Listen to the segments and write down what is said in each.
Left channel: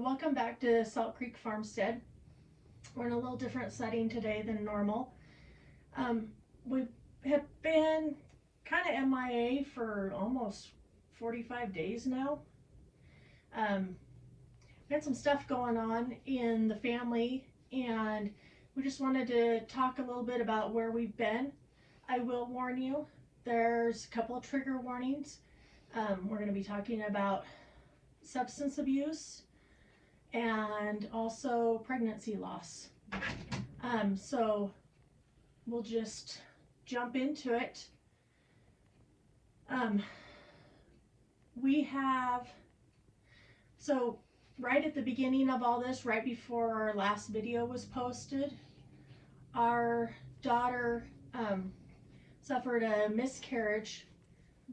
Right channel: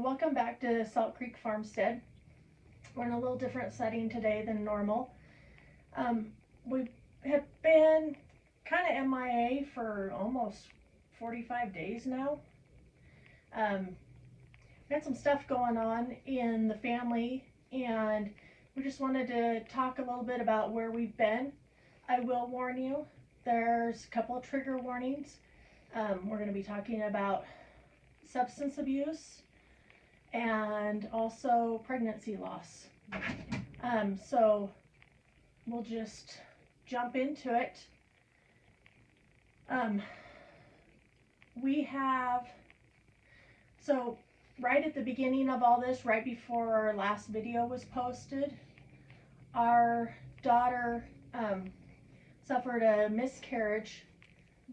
Welcome back to Salt Creek Farmstead. We're in a little different setting today than normal. We have been kind of MIA for almost 45 days now. We had some stuff going on in the family, and we just wanted to talk a little bit about where we've been. I will warn you, there's a couple of trigger warnings. We're going to be talking about substance abuse and also pregnancy loss. So we'll just jump into it. We have, so right at the beginning of all this, right before our last video was posted, our daughter suffered a miscarriage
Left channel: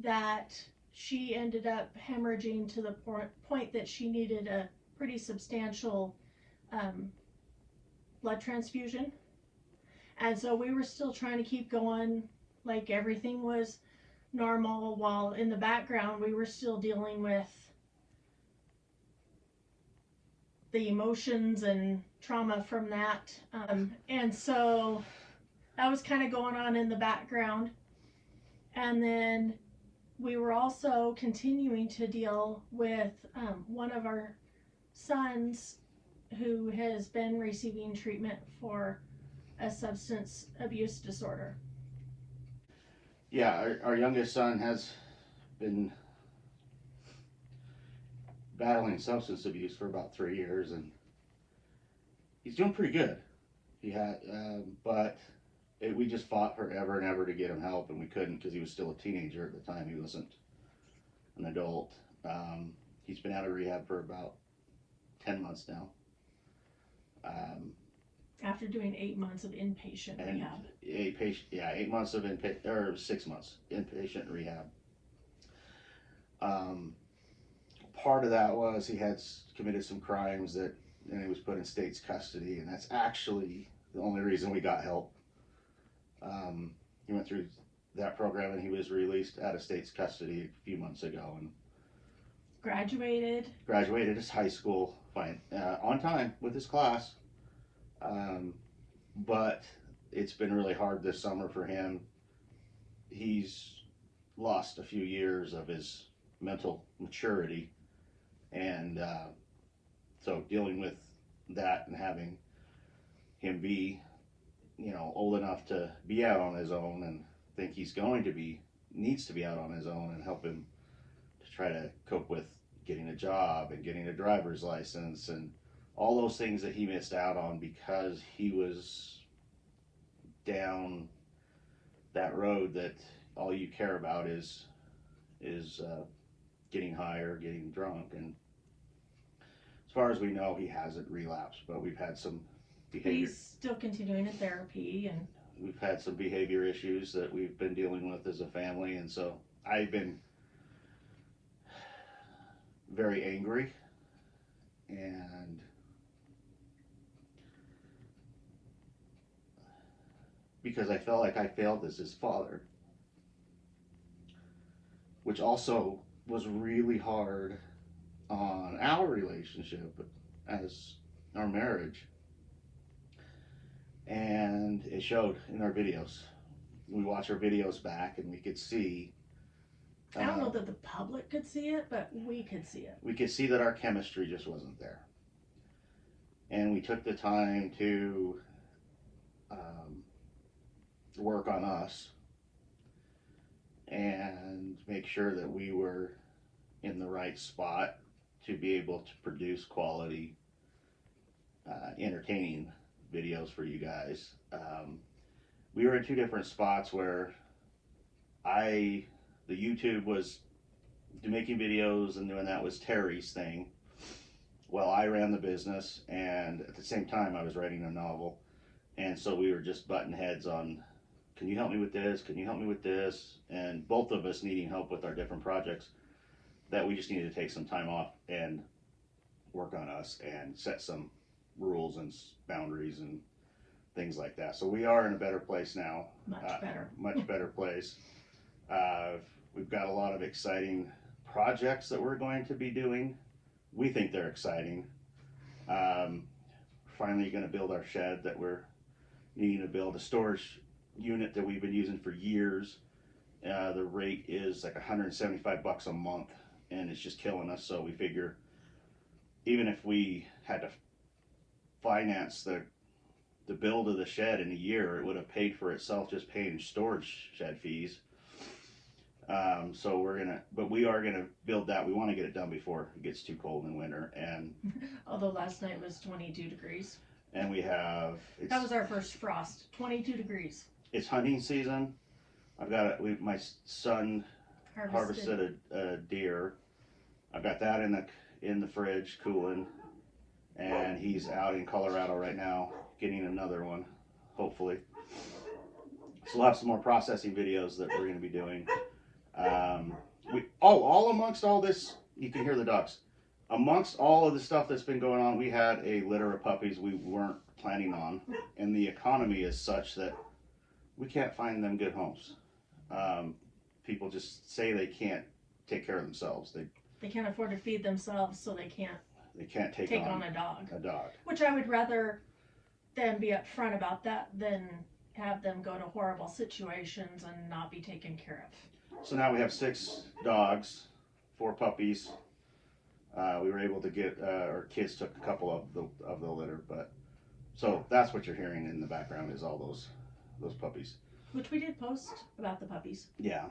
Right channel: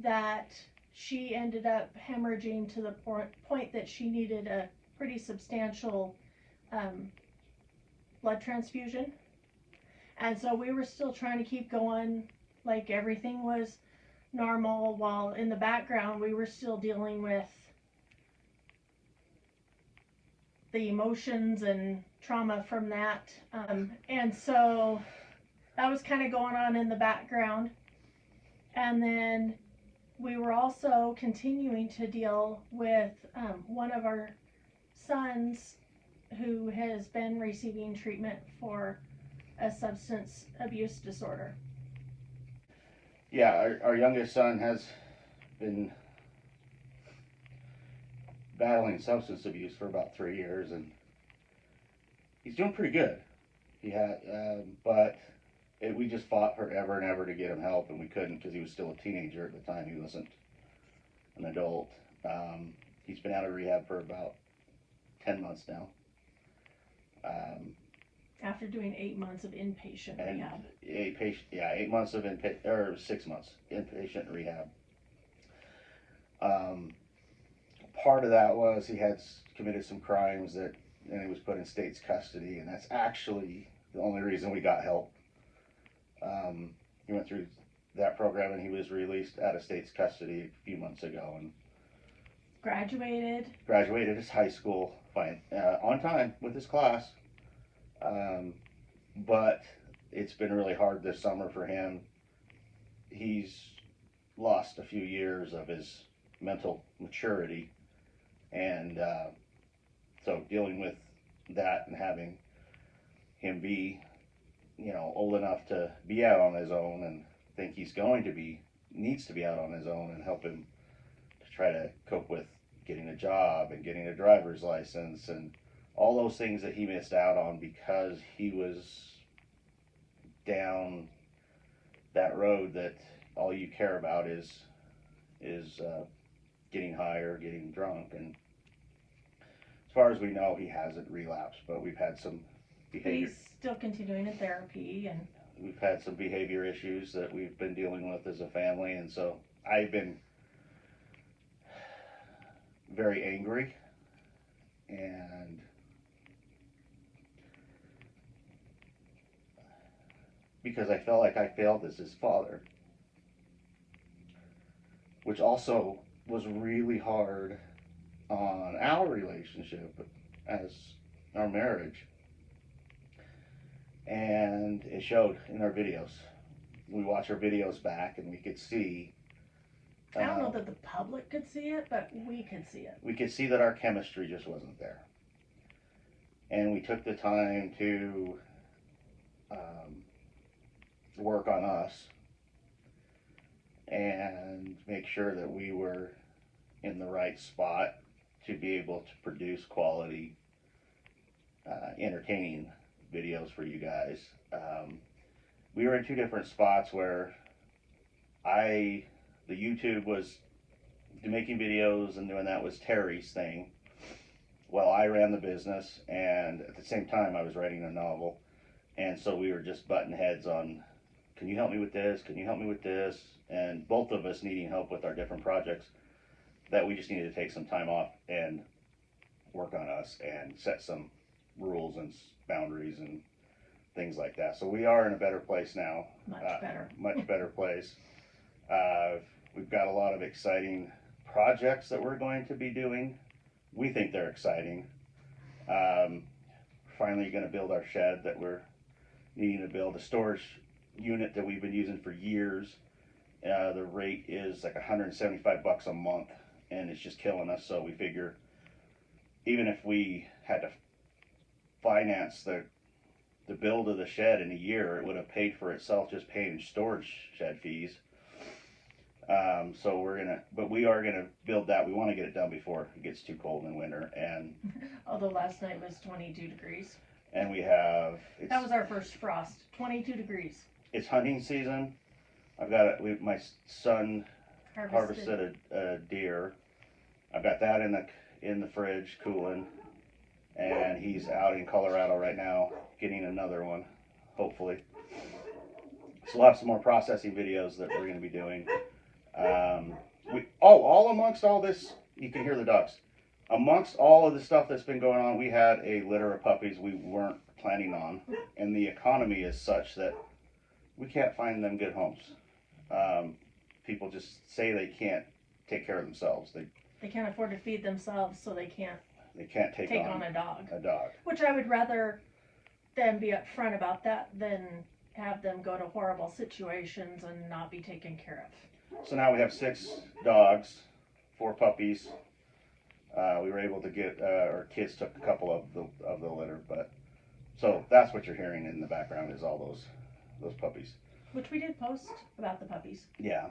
that she ended up hemorrhaging to the point that she needed a pretty substantial blood transfusion. And so we were still trying to keep going like everything was normal, while in the background we were still dealing with the emotions and trauma from that. And so that was kind of going on in the background. And then we were also continuing to deal with one of our sons who has been receiving treatment for a substance abuse disorder. Yeah, our youngest son has been battling substance abuse for about 3 years, and he's doing pretty good. But we just fought forever and ever to get him help, and we couldn't because he was still a teenager at the time. He wasn't an adult. He's been out of rehab for about 10 months now. After doing 8 months of inpatient rehab. 8 months of inpatient, or 6 months inpatient rehab. Part of that was he had committed some crimes and he was put in state's custody, and that's actually the only reason we got help. He went through that program and he was released out of state's custody a few months ago and graduated his high school on time with his class. But it's been really hard this summer for him. He's lost a few years of his mental maturity, and so dealing with that and having him be, old enough to be out on his own and think needs to be out on his own, and help him to try to cope with getting a job and getting a driver's license and all those things that he missed out on because he was down that road that all you care about is getting high or getting drunk. And as far as we know, he hasn't relapsed, but we've had some behavior. He's still continuing in therapy, and we've had some behavior issues that we've been dealing with as a family, and so I've been very angry, and because I felt like I failed as his father, which also was really hard on our relationship as our marriage. And it showed in our videos. We watch our videos back and we could see. I don't know that the public could see it, but we could see it. We could see that our chemistry just wasn't there. And we took the time to work on us and make sure that we were in the right spot to be able to produce quality, entertaining videos for you guys. We were in two different spots where the YouTube was making videos and doing that was Terry's thing, while I ran the business, and at the same time I was writing a novel. And so we were just butting heads on, can you help me with this? Can you help me with this? And both of us needing help with our different projects, that we just needed to take some time off and work on us and set some rules and boundaries and things like that. So we are in a better place now. Much better place. We've got a lot of exciting projects that we're going to be doing. We think they're exciting. Finally going to build our shed that we're needing to build, a storage unit that we've been using for years. The rate is like $175 a month, and it's just killing us. So we figure even if we had to finance the build of the shed in a year, it would have paid for itself just paying storage shed fees. So we are gonna build that. We want to get it done before it gets too cold in winter, and Although last night was 22 degrees. and we have That was our first frost. 22 degrees. it's hunting season. I've got it. My son harvested a deer. I've got that in the fridge cooling, and he's out in Colorado right now getting another one, hopefully. So we'll have some more processing videos that we're going to be doing. All amongst all this, you can hear the dogs. Amongst all of the stuff that's been going on, we had a litter of puppies we weren't planning on, and the economy is such that we can't find them good homes. People just say they can't take care of themselves. They can't afford to feed themselves, so they can't take on a dog. A dog. Which I would rather them be upfront about that than have them go to horrible situations and not be taken care of. So now we have 6 dogs, 4 puppies. We were able to get our kids took a couple of the litter, but so that's what you're hearing in the background is all those puppies. Which we did post about the puppies. Yeah.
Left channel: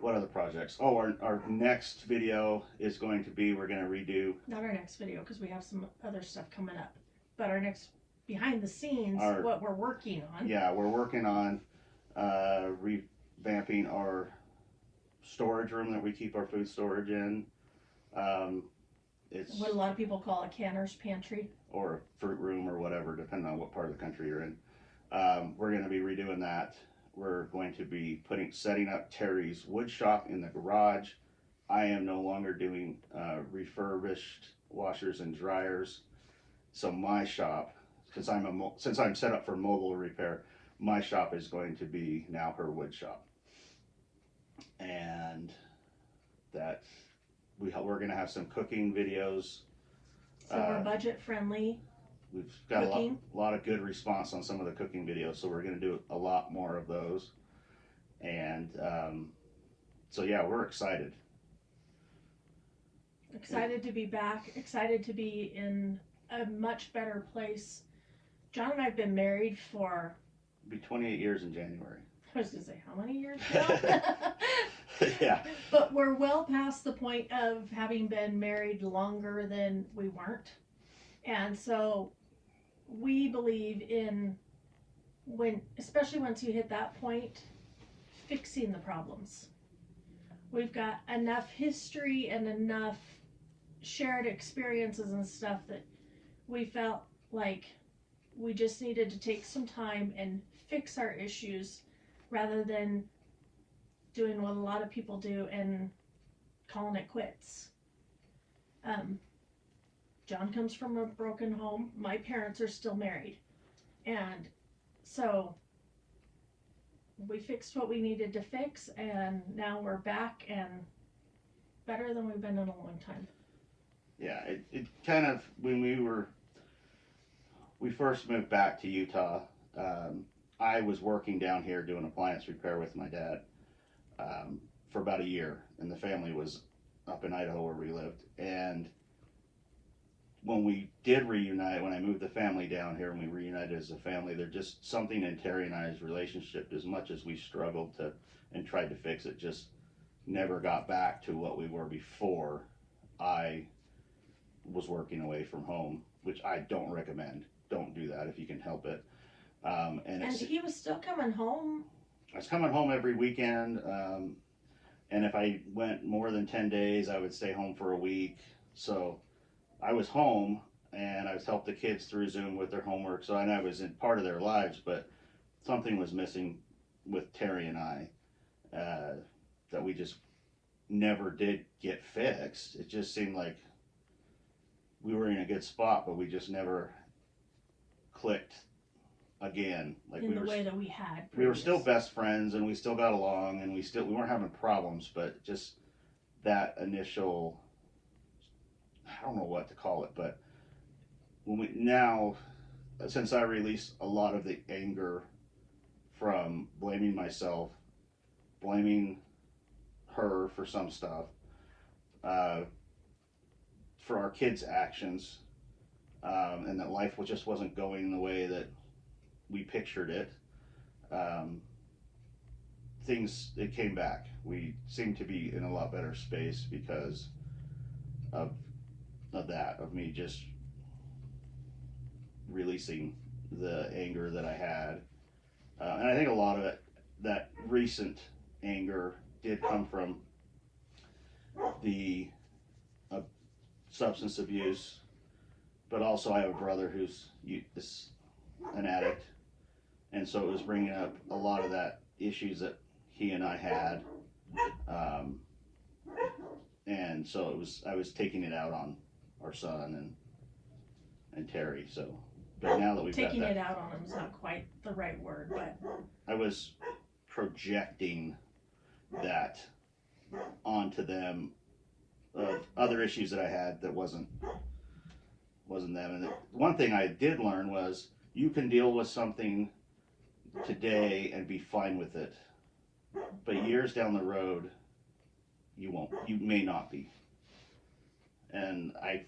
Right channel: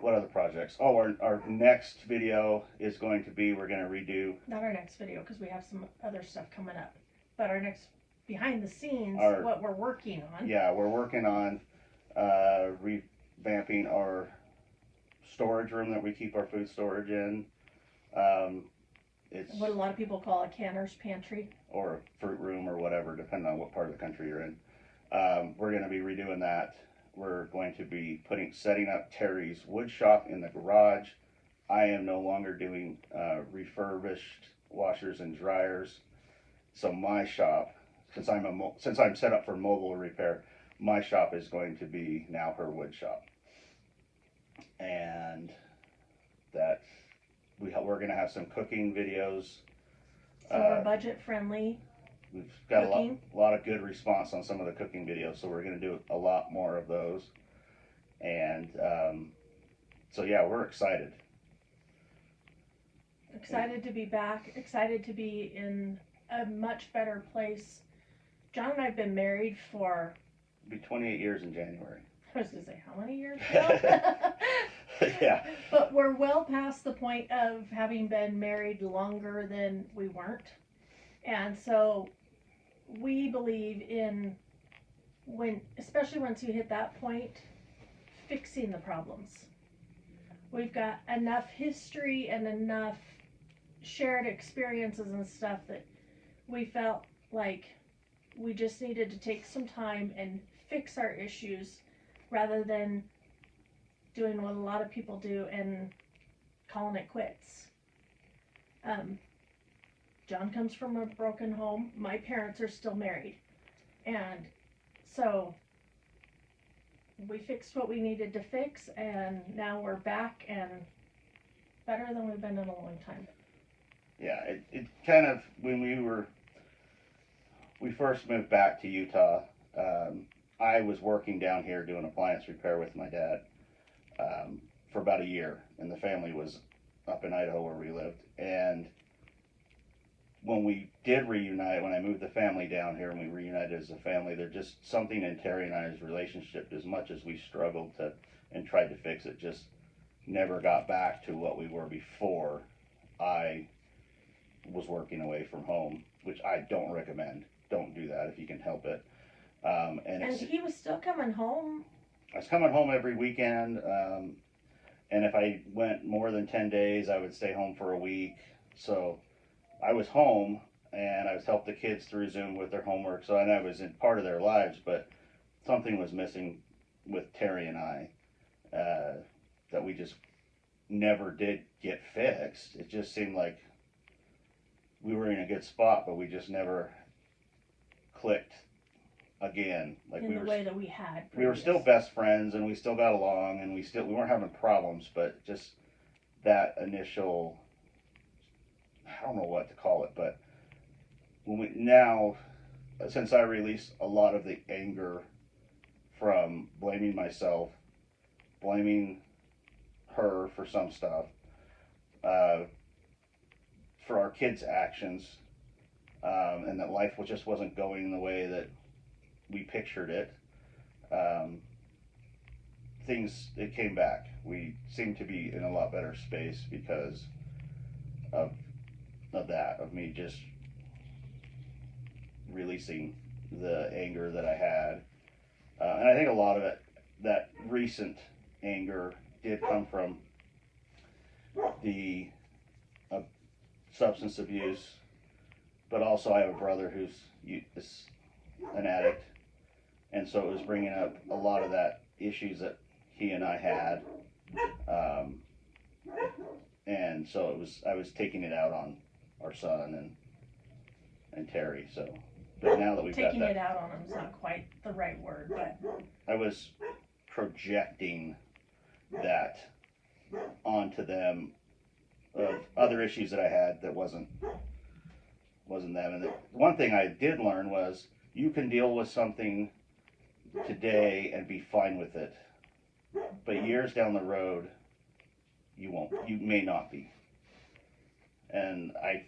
What other projects? Oh, our next video is going to be, we're going to redo. Not our next video, because we have some other stuff coming up. But our next behind the scenes, what we're working on. Yeah, we're working on revamping our storage room that we keep our food storage in. It's what a lot of people call a canner's pantry. Or a fruit room or whatever, depending on what part of the country you're in. We're going to be redoing that. We're going to be setting up Terry's wood shop in the garage. I am no longer doing refurbished washers and dryers. So my shop, since I'm set up for mobile repair, my shop is going to be now her wood shop. And that we're going to have some cooking videos. So we're budget friendly. We've got a lot of good response on some of the cooking videos, so we're going to do a lot more of those. And so yeah, we're excited. Excited to be back. Excited to be in a much better place. John and I have been married for... It'll be 28 years in January. I was going to say, how many years now? Yeah. But we're well past the point of having been married longer than we weren't. And so we believe in, especially once you hit that point, fixing the problems. We've got enough history and enough shared experiences and stuff that we felt like we just needed to take some time and fix our issues rather than doing what a lot of people do and calling it quits. John comes from a broken home. My parents are still married. And so we fixed what we needed to fix, and now we're back and better than we've been in a long time. Yeah, it kind of, when we first moved back to Utah, I was working down here doing appliance repair with my dad for about a year, and the family was up in Idaho where we lived. And when we did reunite, when I moved the family down here and we reunited as a family, there's just something in Terry and I's relationship, as much as we struggled to and tried to fix it, just never got back to what we were before I was working away from home, which I don't recommend. Don't do that if you can help it. And he was still coming home. I was coming home every weekend, and if I went more than 10 days, I would stay home for a week. So I was home, and I was helping the kids through Zoom with their homework. So I was in part of their lives, but something was missing with Terry and I that we just never did get fixed. It just seemed like we were in a good spot, but we just never clicked again. Like in the way that we had. We were still best friends, and we still got along, and we weren't having problems, but just that initial, I don't know what to call it, but when we now, since I released a lot of the anger from blaming myself, blaming her for some stuff, for our kids' actions, and that life just wasn't going the way that we pictured it. It came back. We seem to be in a lot better space because of of me just releasing the anger that I had. And I think a lot of it, that recent anger, did come from the substance abuse, but also I have a brother who's an addict, and so it was bringing up a lot of that issues that he and I had, and so I was taking it out on our son and Terry. So, but now that we've Taking got that, it out on him is not quite the right word, but I was projecting that onto them, of other issues that I had that wasn't them. And one thing I did learn was you can deal with something today and be fine with it, but years down the road you won't. You may not be. And I've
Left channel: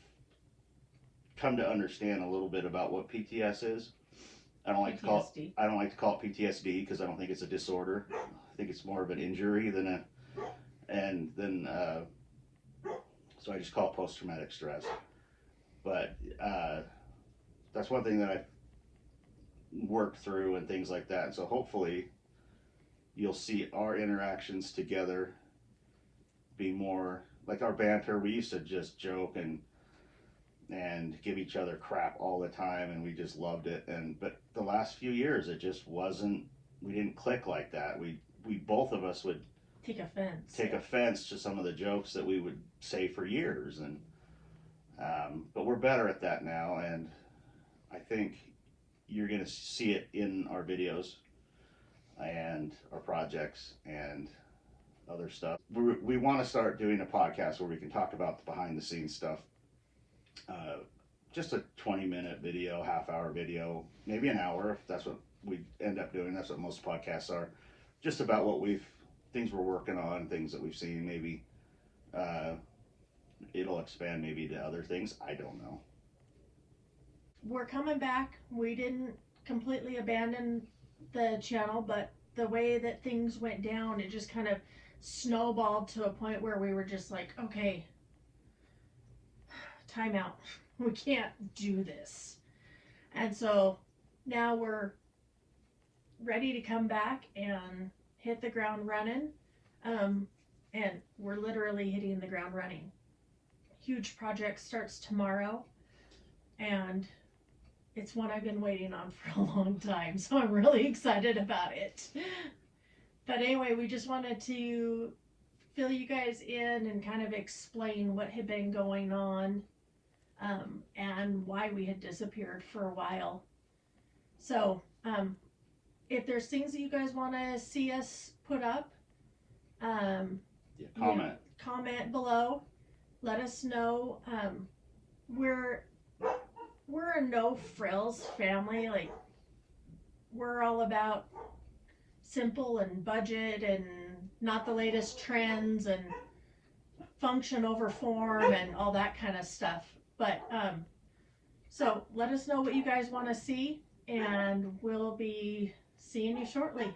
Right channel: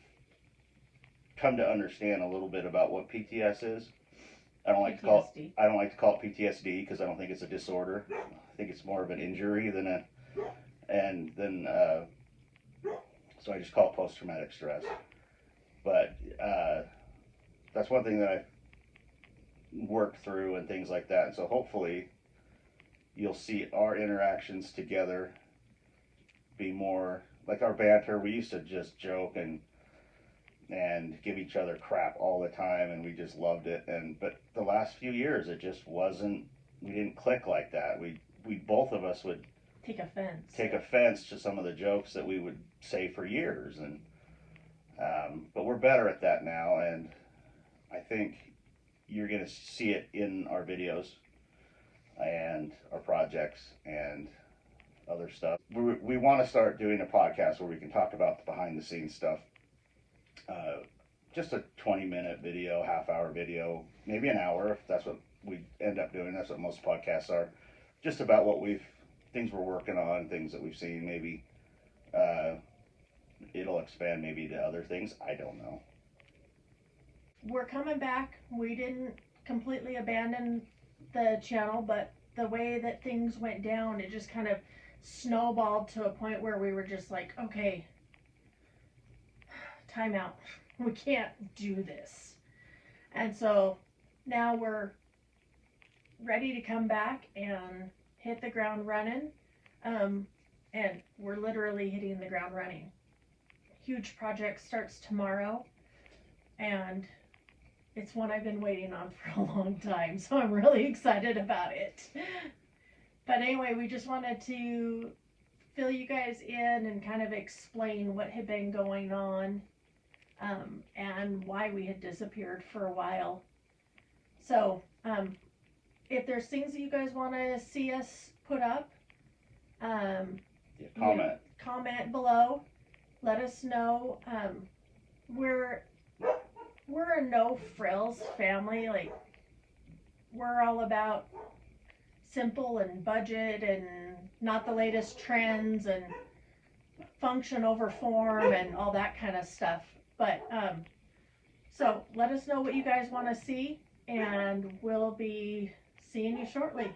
come to understand a little bit about what PTS is. I don't like to call it PTSD because I don't think it's a disorder. I think it's more of an injury than so I just call it post-traumatic stress. But that's one thing that I've worked through and things like that. And so hopefully you'll see our interactions together be more like our banter. We used to just joke and give each other crap all the time, and we just loved it. But the last few years, it just wasn't. We didn't click like that. We both of us would take offense to some of the jokes that we would say for years, and but we're better at that now, and I think you're gonna see it in our videos and our projects and other stuff. We want to start doing a podcast where we can talk about the behind the scenes stuff. Just a 20-minute video, half-hour video, maybe an hour if that's what we end up doing. That's what most podcasts are. Just about things we're working on, things that we've seen. Maybe it'll expand maybe to other things. I don't know. We're coming back. We didn't completely abandon the channel, but the way that things went down, it just kind of snowballed to a point where we were just like, okay, time out. We can't do this. And so now we're ready to come back and hit the ground running. And we're literally hitting the ground running. Huge project starts tomorrow, and it's one I've been waiting on for a long time, so I'm really excited about it. But anyway, we just wanted to fill you guys in and kind of explain what had been going on, and why we had disappeared for a while. So if there's things that you guys want to see us put up, comment below. Let us know. We're a no frills family. Like, we're all about simple and budget and not the latest trends and function over form and all that kind of stuff. But so let us know what you guys want to see, and we'll be seeing you shortly.